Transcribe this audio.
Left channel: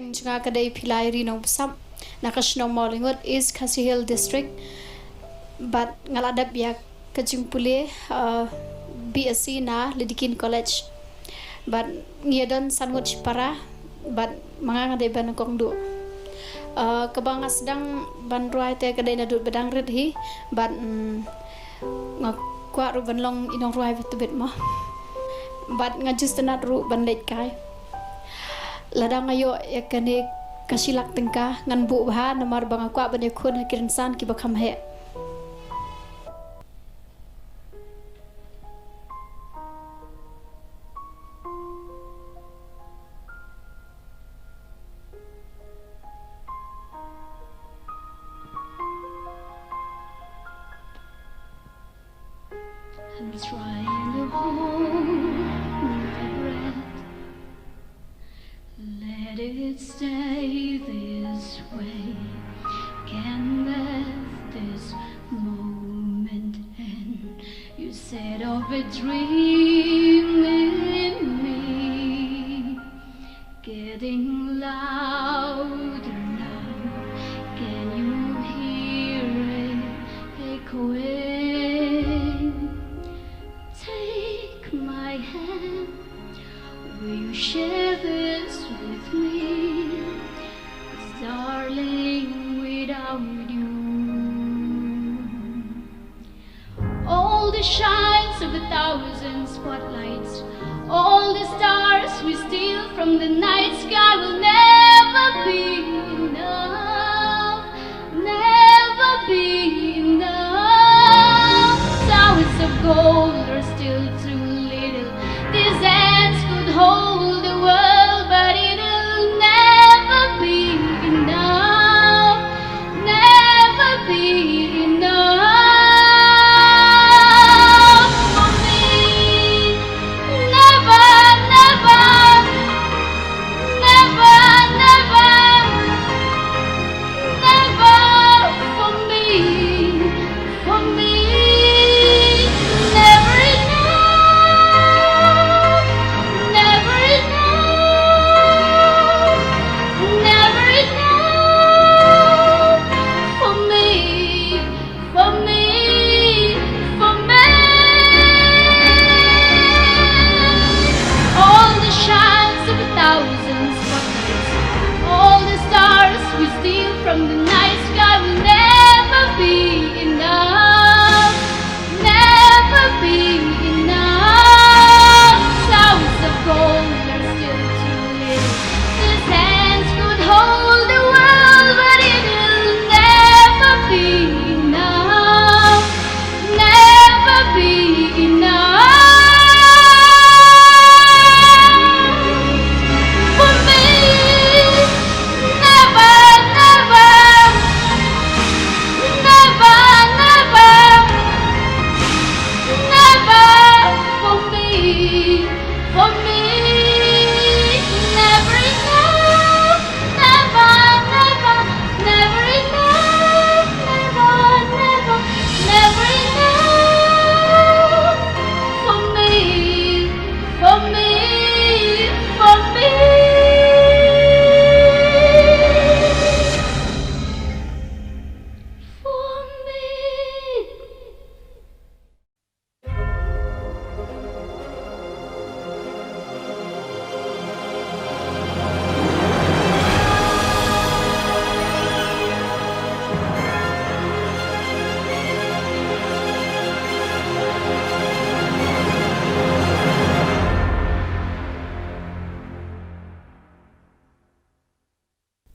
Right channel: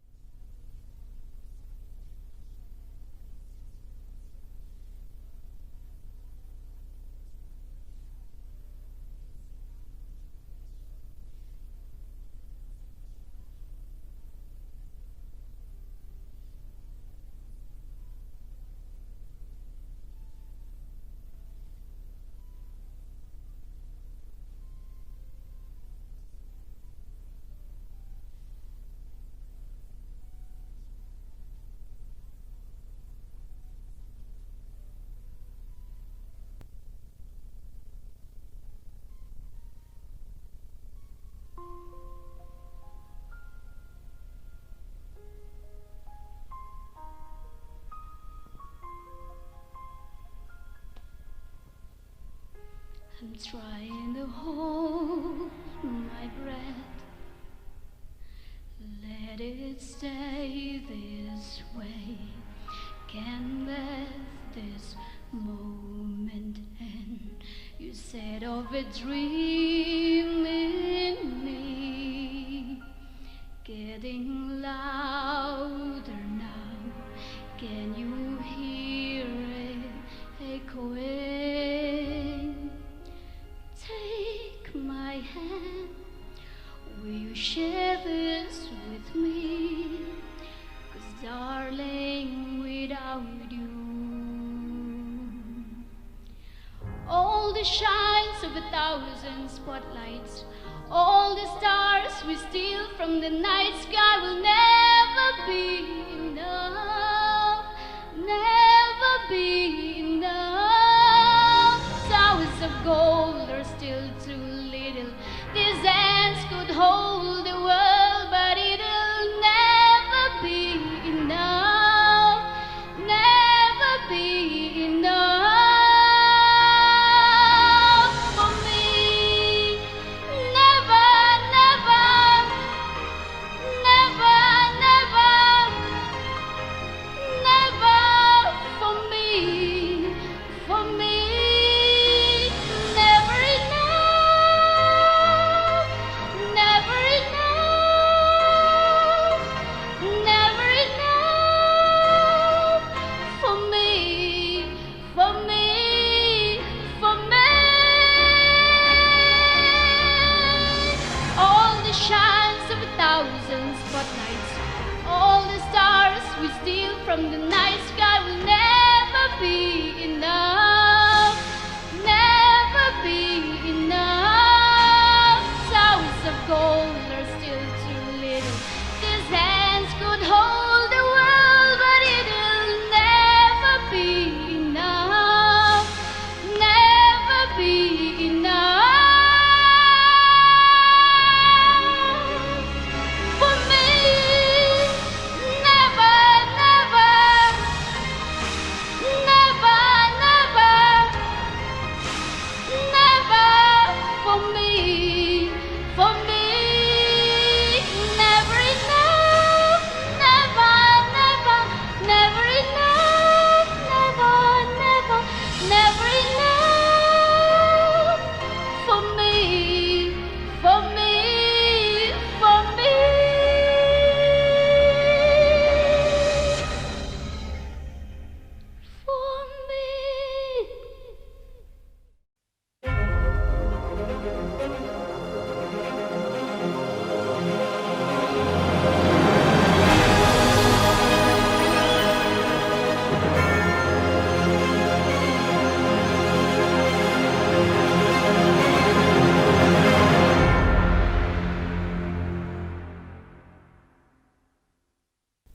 Teng Chunga Kadai Pilai Rino Sam Nakashno Mollingood is Khasi Hill District but ngaladap ya Kajumpule BSc na Lidikin College but ngiyadon sanwat para but mga ngaday ba kongdu kabang asdang banruay te kadai na dut bedang red hi but ngakwa ru banlong inong ruay betubit mo but ngajus tenat ru bandait kai ladang ayo yakane kasilak tengka ngan bu bah namar bang akwa bane khun hakirinsan ki bakham he I'm trying to hold my breath, let it stay this way. Can let this moment end? You set off a dream in me, getting louder now. Can you hear it echoing? Take my hand, will you share this with me? 'Cause darling, without you, all the shines of 1,000 spotlights, all the stars we steal from the night sky will never be enough, never be enough. Towers of gold are still too little. These hands could hold the world, but it'll never be enough, never be enough for me. Never, never, never, never, never for me, for me. Never enough, never enough, never enough for me, for me, for me. All the shines of 1,000 spotlights, all the stars we steal from the night sky will never be enough.